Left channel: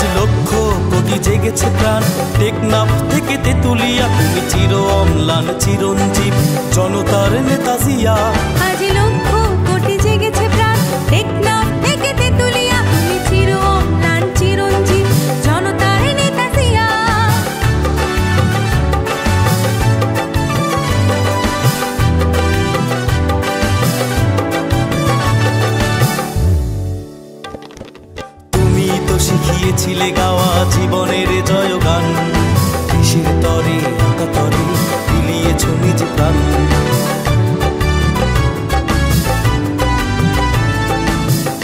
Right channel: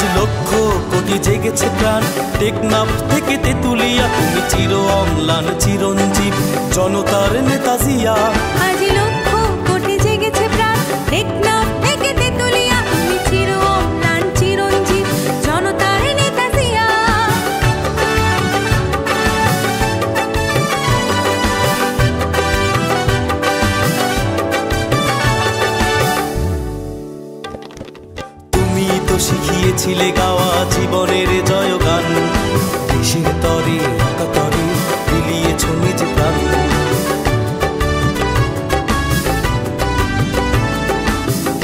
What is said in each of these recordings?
আজ লক্ষ কোটি জেগেছে প্রাণ, টেকনাফ থেকে তেতুলিয়া, তুমি চির অম্লান চিরঞ্জীব জনতার নেতা জিয়া। আজ লক্ষ কোটি জেগেছে প্রাণ, টেকনাফ থেকে তেতুলিয়া, তুমি চির অম্লান চিরঞ্জীব জনতার নেতা জিয়া। তুমি তো শিখিয়েছিলে গাওয়া জীবনের জয়গান, দেশের তরে আকাতরে বিলিয়েছ নিজ প্রাণ।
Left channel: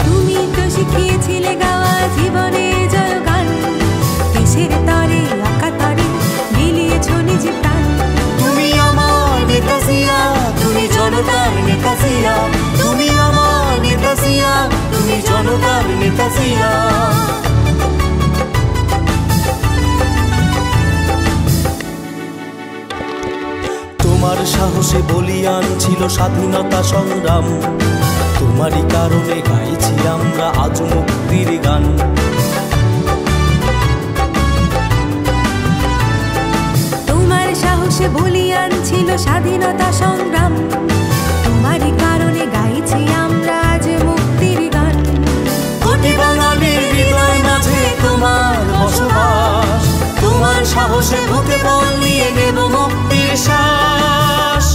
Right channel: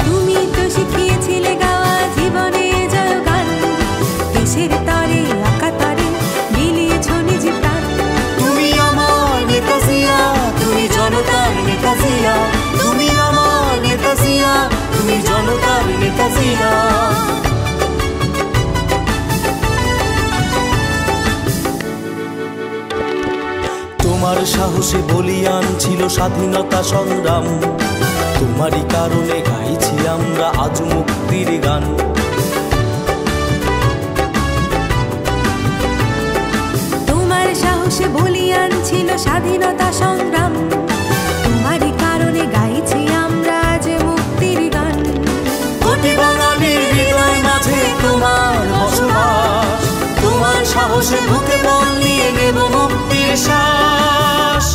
তুমি তো শিখিয়েছিলে গাওয়া জীবনের জয়গান, দেশের তরে আকাতরে বিলিয়েছ নিজ প্রাণ। তুমি আমার নেতা জিয়া, তুমি জনতার নেতা জিয়া, তুমি আমার নেতা জিয়া, তুমি জনতার নেতা জিয়া। তোমার সাহসে বলিয়ান ছিল স্বাধীনতা সংগ্রাম, তোমারই কারণে গাইছি আমরা আজ মুক্তির গান। তোমার সাহসে বলিয়ান ছিল স্বাধীনতা সংগ্রাম, তোমারই কারণে গাইছি আমরা আজ মুক্তির গান। কোটি বাঙালির হৃদয় মাঝে তোমার বসবাস, তোমার সাহসে বুকে বল নিয়ে নেব মুক্তির শ্বাস।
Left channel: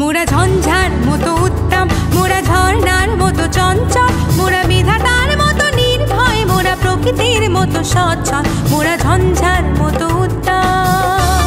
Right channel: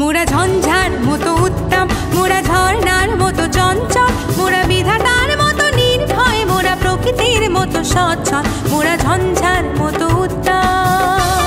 মোরা ঝঞ্ঝার মতো উত্তম, মোরা ঝর্ণার মতো চঞ্চল, মোরা বিধাতার মতো নির্ভয়, মোরা প্রকৃতির মতো সচ্ছল, মোরা ঝঞ্ঝার মতো উত্তম।